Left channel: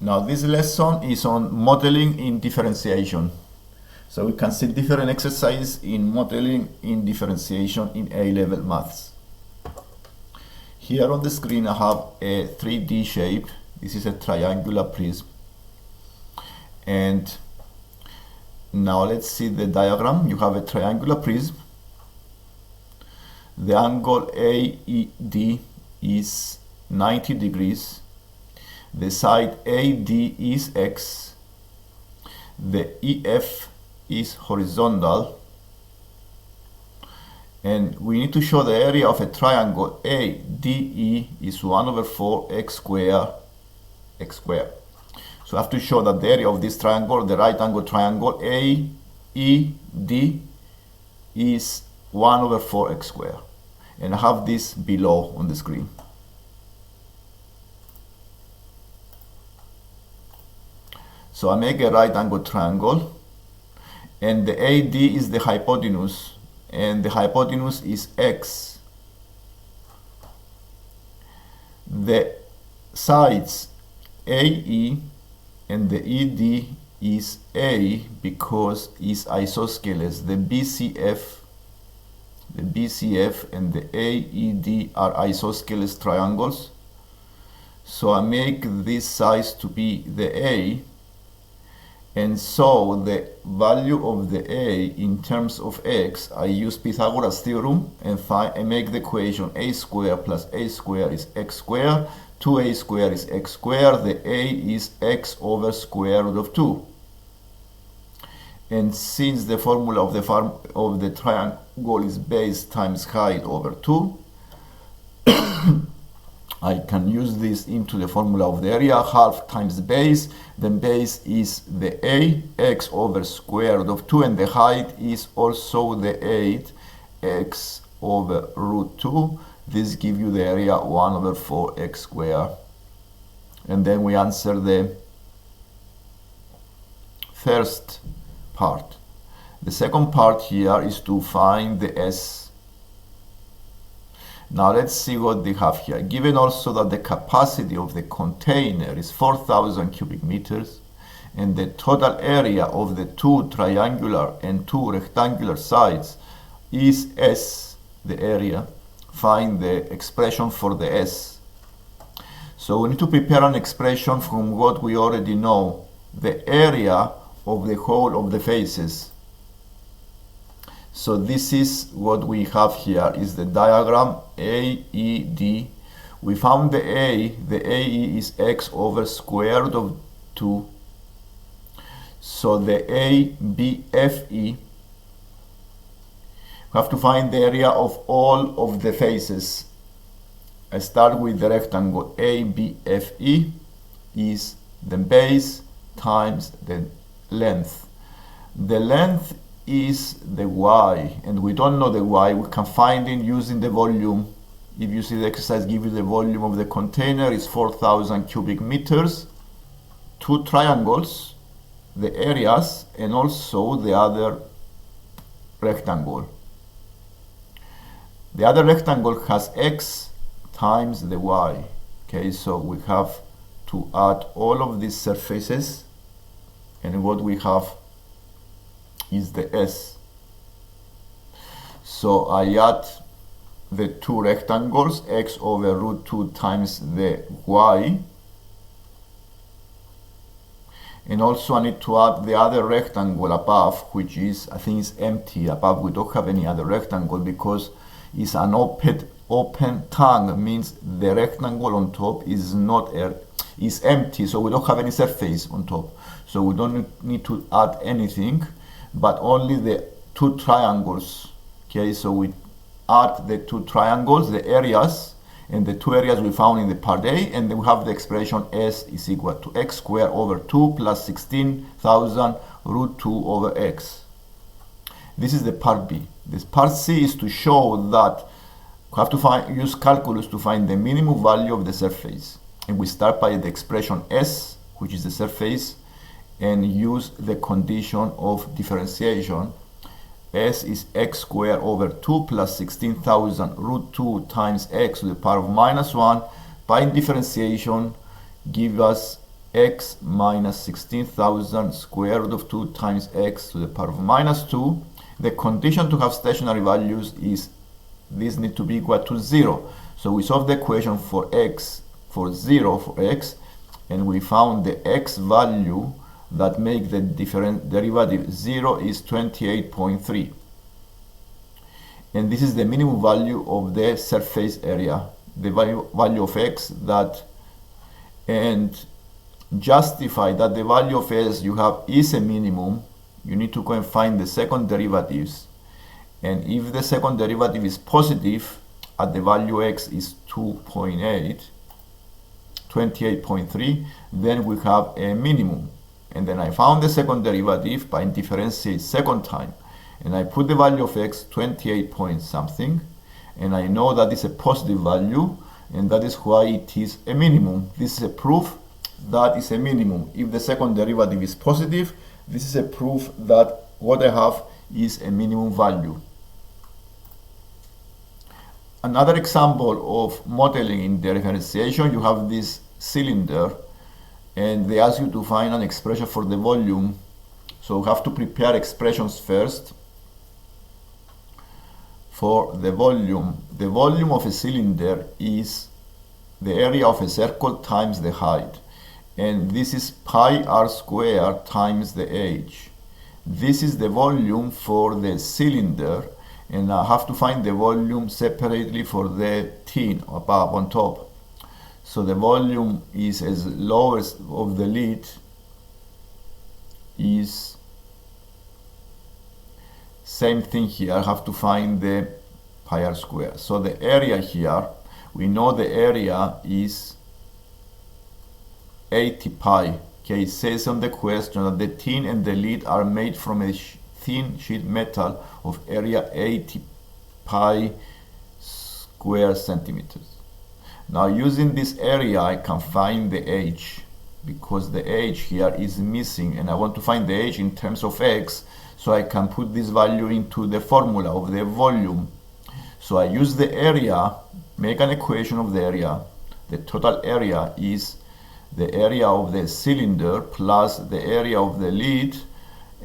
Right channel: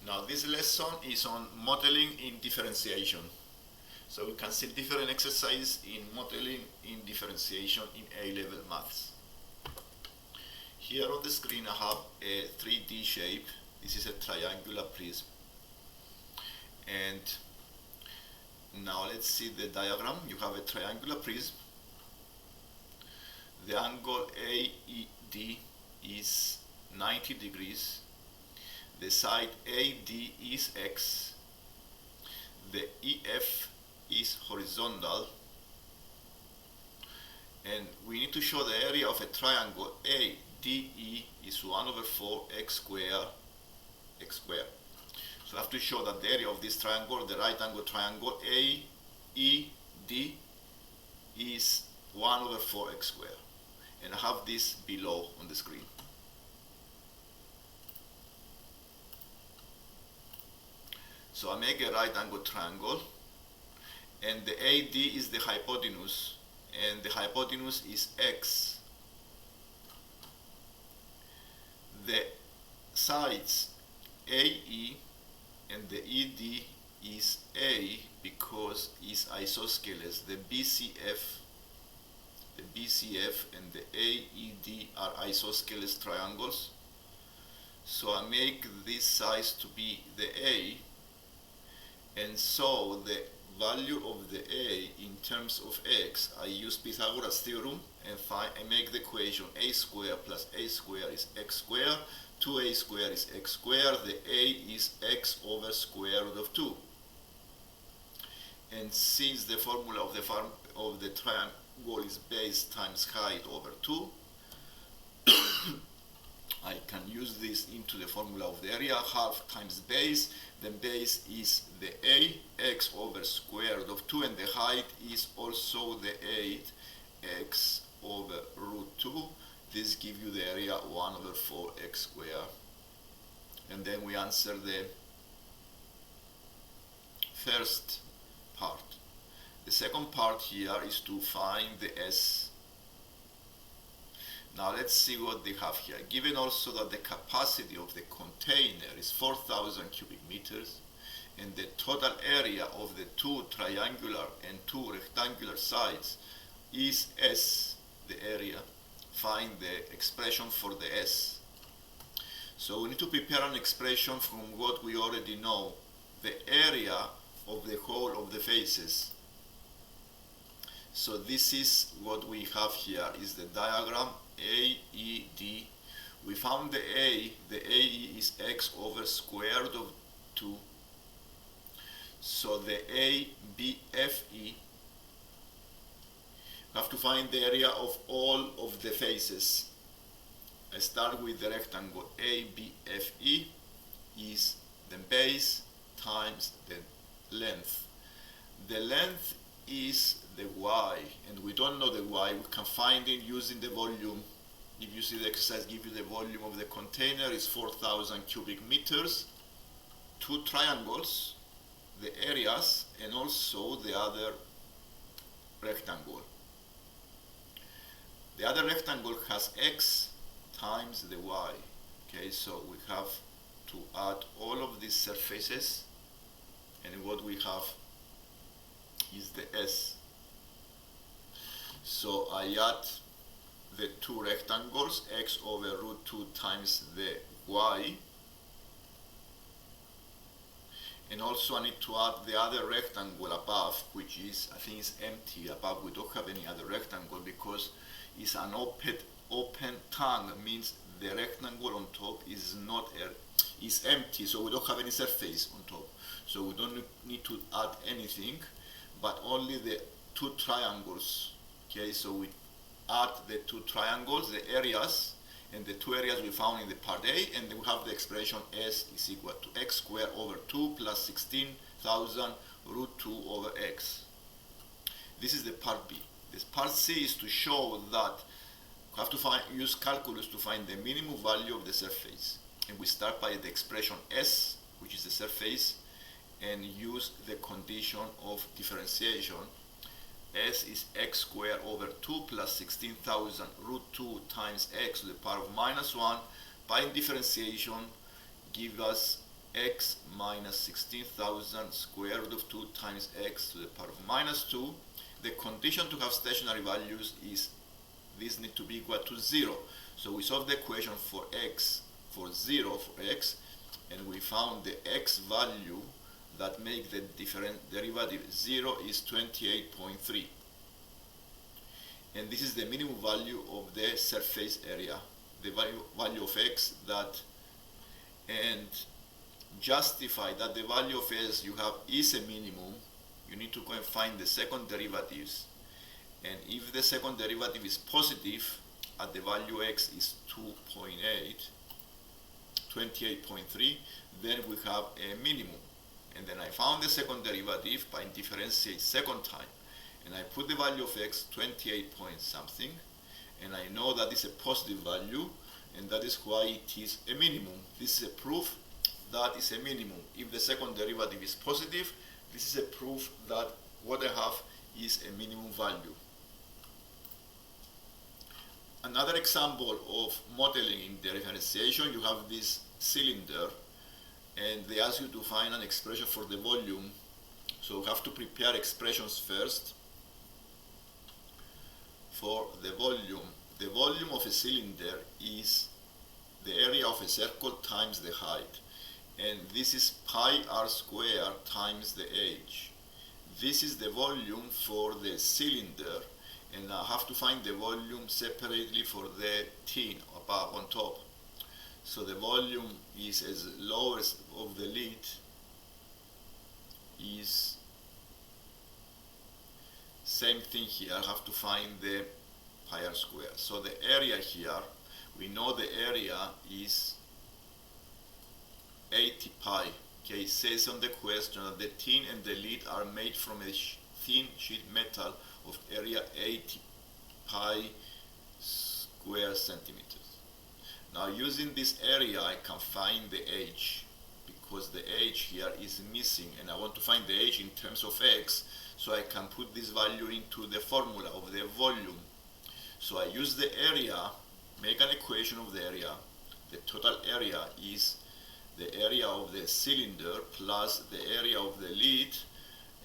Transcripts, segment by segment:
Now this lesson is on modeling in differentiation. So we can see different exercises in modeling in differentiation in A-level maths. Here on the screen I have a 3D shape. This is a triangular prism. And now let's see the diagram. You have a triangular prism. The angle AED is 90 degrees. The side AD is X. The EF is horizontal. And we need to show the area of a triangle ADE is 1 over 4 x squared. So I have to show that the area of this triangle, the right angle triangle AED, is 1 over 4 x squared. And I have this below on the screen. So I make a right angle triangle, and the AD is the hypotenuse, and the hypotenuse is X. The sides AE and the ED is A because it's isosceles. The BCF and the AED are isosceles triangles. So I make this size to be the A. And so the value of the A in terms of X, I use Pythagoras theorem and make the equation A squared plus A squared is X squared. 2A squared is X squared. The A is X over square root of 2. And since the formula of the triangle is base times height over 2, I can use this into the formula of the area, half times base. Then base is the A, X over square root of 2, and the height is also the 8, X over root 2. This gives you the area 1 over 4 x squared. And then we answer the first part. The second part here is to find the S. Now let's see what they have here. Given also that the capacity of the container is 4,000 cubic meters and the total area of the two triangular and two rectangular sides is S, the area, find the expression for the S. So we need to prepare an expression from what we already know, the area of the whole of the faces. So this is what we have here, is the diagram AED. We found the A, the AE is X over square root of 2. So the ABFE, we have to find the area of all of the faces. I start with the rectangle ABFE is the base times the length. The length is the Y, and we don't know the Y. We can find it using the volume. If you see the exercise give you the volume of the container is 4,000 cubic meters, two triangles, the areas, and also the other rectangle. The other rectangle has X times the Y. Okay, so we have to add all of these surfaces, and what we have is the S. So I add the two rectangles, X over root 2 times the Y, and also I need to add the other rectangle above, which is, I think it's empty. Above we don't have any other rectangle because it's an open tongue, means the rectangle on top is is empty, so we don't have any surface on top, so we don't need to add anything, but only the two triangles. Okay, so we add the two triangles, the areas, and the two areas we found in the part A, and then we have the expression S is equal to X squared over 2 plus 16,000 root 2 over X. This is the part B. This part C is to show that we have to use calculus to find the minimum value of the surface. And we start by the expression S, which is the surface, and use the condition of differentiation. S is X squared over 2 plus 16,000 root 2 times X to the power of minus 1. By differentiation, give us x minus 16,000 square root of 2 times x to the power of minus 2. The condition to have stationary values is this need to be equal to 0. So we solve the equation for x, for 0 for x, and we found the x value that make the different derivative 0 is 28.3. And this is the minimum value of the surface area, the value of x that, and justify that the value of s you have is a minimum. You need to go and find the second derivatives, and if the second derivative is positive at the value x is 28.3, then we have a minimum. And then I found the second derivative by differentiate second time, and I put the value of x 28 point something, and I know that is a positive value, and that is why it is a minimum. This is a proof that is a minimum. If the second derivative is positive, this is a proof that what I have is a minimum value. Another example of modeling in differentiation, you have this cylinder, and they ask you to find an expression for the volume. So you have to prepare expressions first. For the volume of a cylinder is the area of a circle times the height, and this is pi r squared times the h. This is the volume for the cylinder, and I have to find the volume separately for the tin above on top. So the volume is as low as of the lid is same thing here. I have to find the pi r squared. So the area here, we know the area is 80 pi. Okay, it says on the question that the tin and the lid are made from a thin sheet metal of area 80 pi square centimeters. Now using this area I can find the h, because the h here is missing, and I want to find the h in terms of x, so I can put this value into the formula of the volume. So I use the area, make an equation of the area. The total area is the area of the cylinder plus the area of the lid,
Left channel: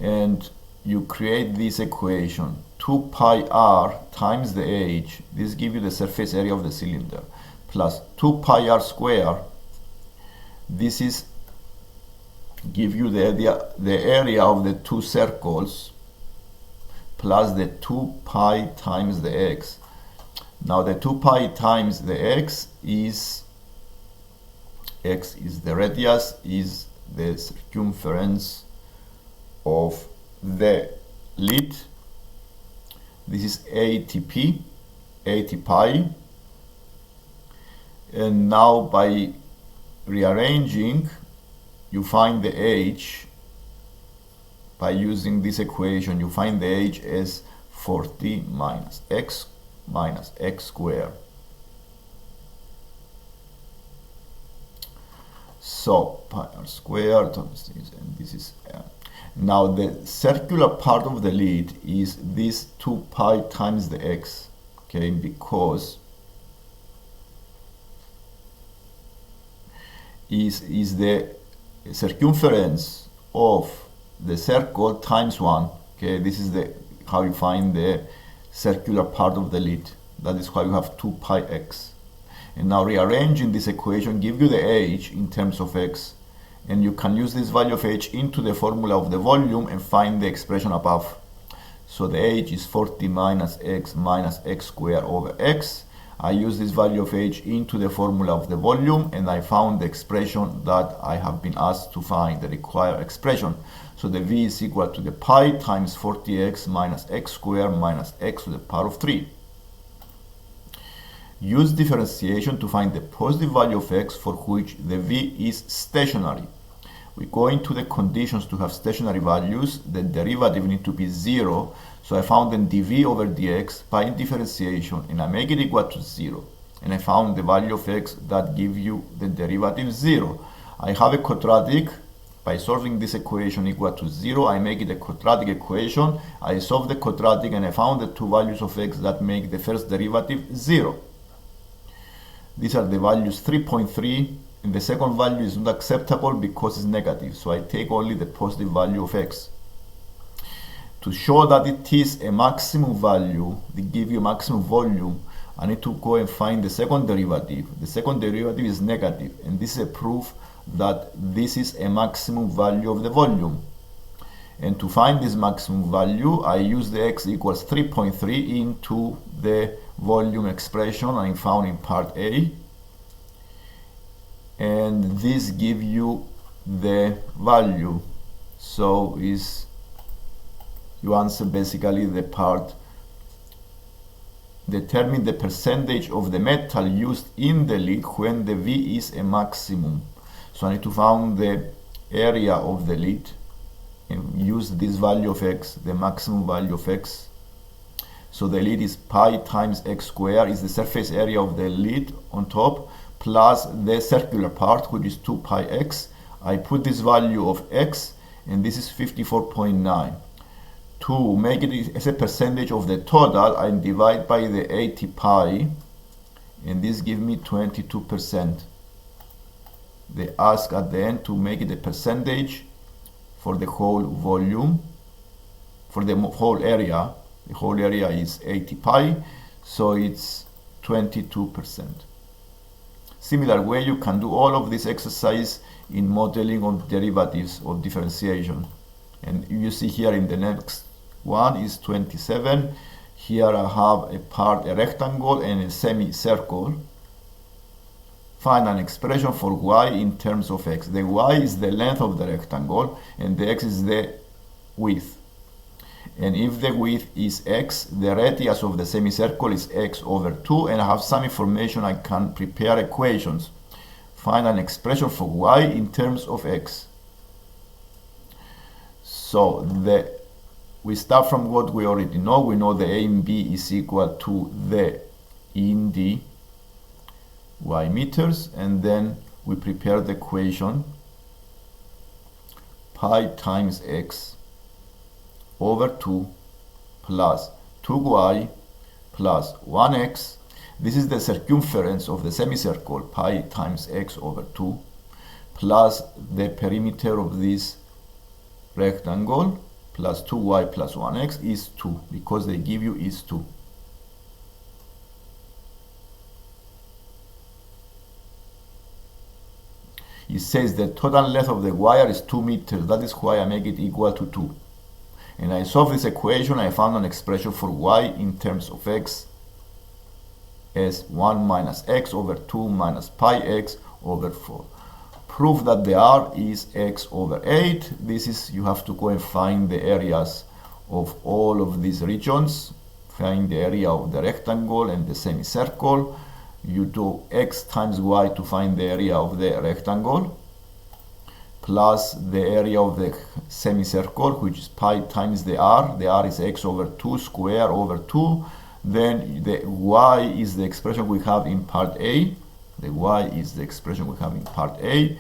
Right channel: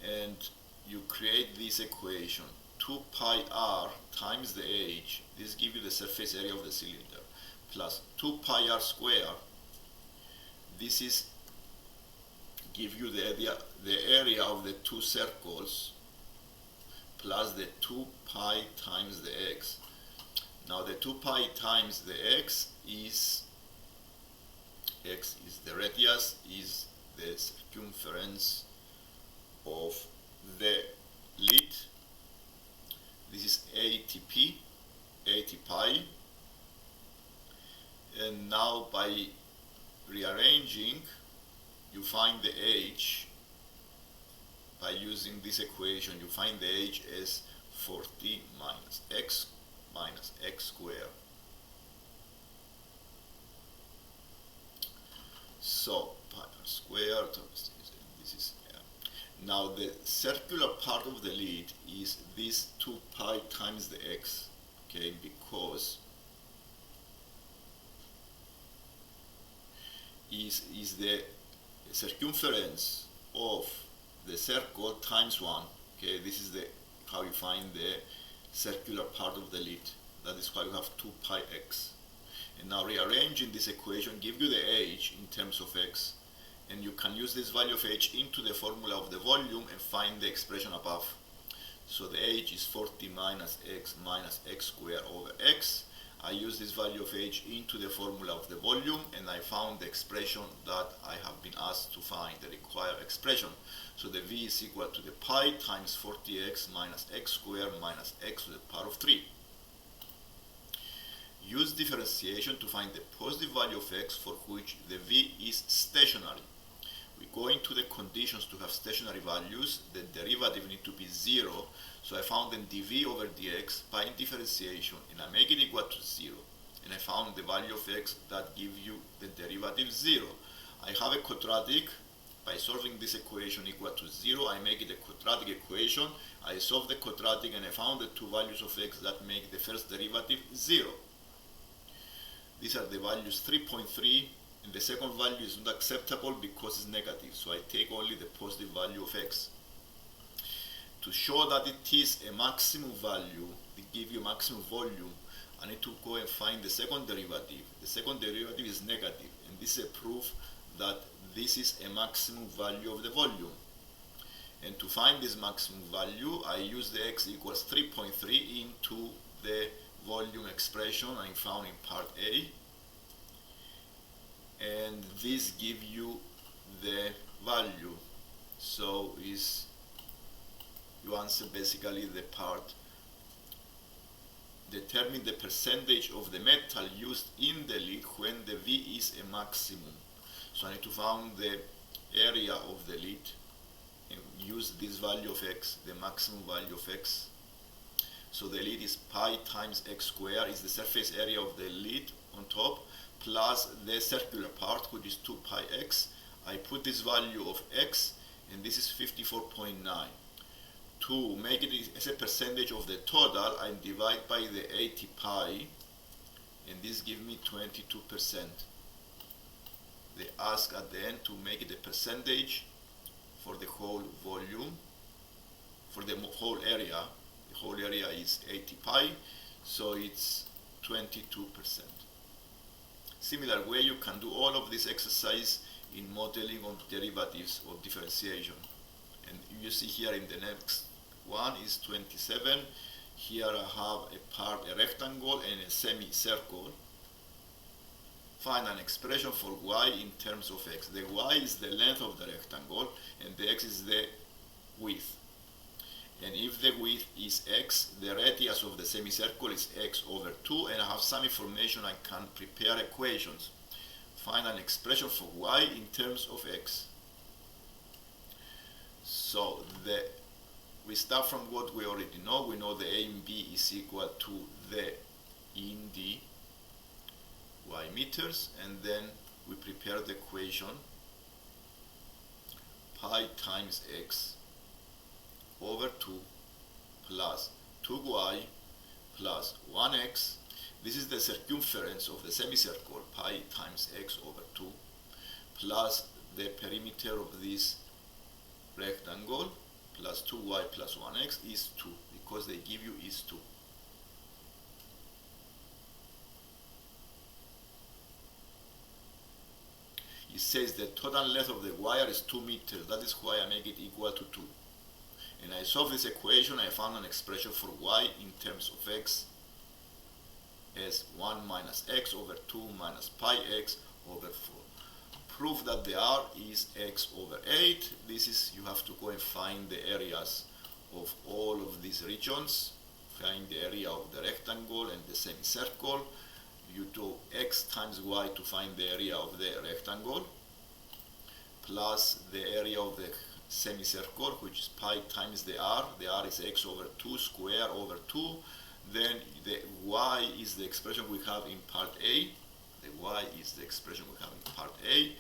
and you create this equation 2 pi r times the h, this gives you the surface area of the cylinder, plus 2 pi r squared, this is give you the area of the two circles, plus the 2 pi times the x. Now the 2 pi times the x is the radius, is the circumference of the lid. This is 80 pi, and now by rearranging you find the h. By using this equation you find the h as 40 minus x squared. So pi r squared times this, and this is now the circular part of the lid is this 2 pi times the x, okay, because is the circumference of the circle times 1. Okay, this is the how you find the circular part of the lid. That is why you have 2 pi x. And now rearranging this equation give you the h in terms of x, and you can use this value of h into the formula of the volume and find the expression above. So the h is 40 minus x squared over x. I use this value of h into the formula of the volume, and I found the expression that I have been asked to find, the required expression. So the v is equal to the pi times 40x minus x squared minus x to the power of 3. Use differentiation to find the positive value of x for which the v is stationary. We go into the conditions to have stationary values. The derivative need to be 0. So I found then dv over dx by differentiation, and I make it equal to 0. And I found the value of x that give you the derivative 0. I have a quadratic. By solving this equation equal to 0, I make it a quadratic equation. I solve the quadratic, and I found the two values of x that make the first derivative 0. These are the values 3.3 and the second value is not acceptable because it's negative, so I take only the positive value of x. To show that it is a maximum value, they give you maximum volume, I need to go and find the second derivative. The second derivative is negative, and this is a proof that this is a maximum value of the volume. And to find this maximum value, I use the x equals 3.3 into the volume expression I found in part A, and this gives you the value. So you answer basically the part, determine the percentage of the metal used in the lid when the V is a maximum. So I need to find the area of the lid and use this value of x, the maximum value of x. So the lid is pi times x squared, is the surface area of the lid on top, plus the circular part, which is 2 pi x. I put this value of x, and this is 54.9. To make it as a percentage of the total, I divide by the 80 pi, and this gives me 22%. They ask at the end to make it a percentage for the whole volume, for the whole area. The whole area is 80 pi, so it's 22%. Similar way, you can do all of this exercise in modeling of derivatives of differentiation. And you see here in the next one is 27. Here I have a rectangle and a semicircle. Find an expression for y in terms of x. The y is the length of the rectangle and the x is the width. And if the width is x, the radius of the semicircle is x over 2, and I have some information, I can prepare equations. Find an expression for y in terms of x. So we start from what we already know. We know the A and B is equal to the E in D y meters, and then we prepare the equation pi times x over 2 plus 2y plus 1x. This is the circumference of the semicircle, pi times x over 2, plus the perimeter of this rectangle, plus 2y plus 1x is 2, because they give you is 2. It says the total length of the wire is 2 meters. That is why I make it equal to 2. And I solve this equation. I found an expression for y in terms of x as 1 minus x over 2 minus pi x over 4. Prove that the r is x over 8. This is, you have to go and find the areas of all of these regions. Find the area of the rectangle and the semicircle. You do x times y to find the area of the rectangle, plus the area of the semicircle, which is pi times the r. The r is x over 2 square over 2. Then the y is the expression we have in part A. The y is the expression we have in part A.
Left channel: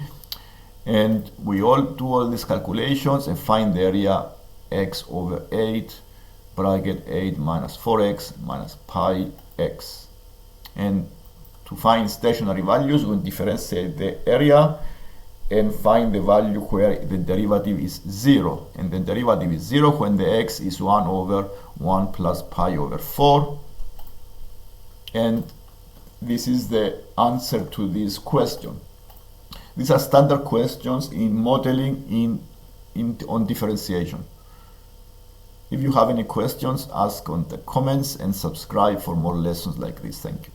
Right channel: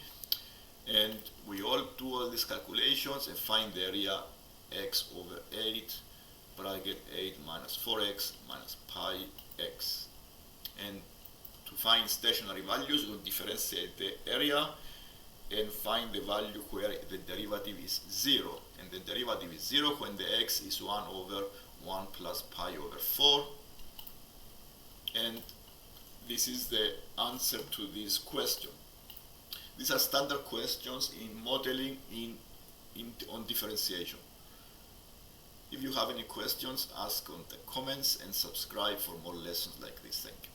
And we all do all these calculations and find the area x over 8, bracket 8 minus 4x minus pi x. And to find stationary values, we differentiate the area and find the value where the derivative is 0. And the derivative is 0 when the x is 1 over 1 plus pi over 4. And this is the answer to this question. These are standard questions in modeling on differentiation. If you have any questions, ask on the comments and subscribe for more lessons like this. Thank you.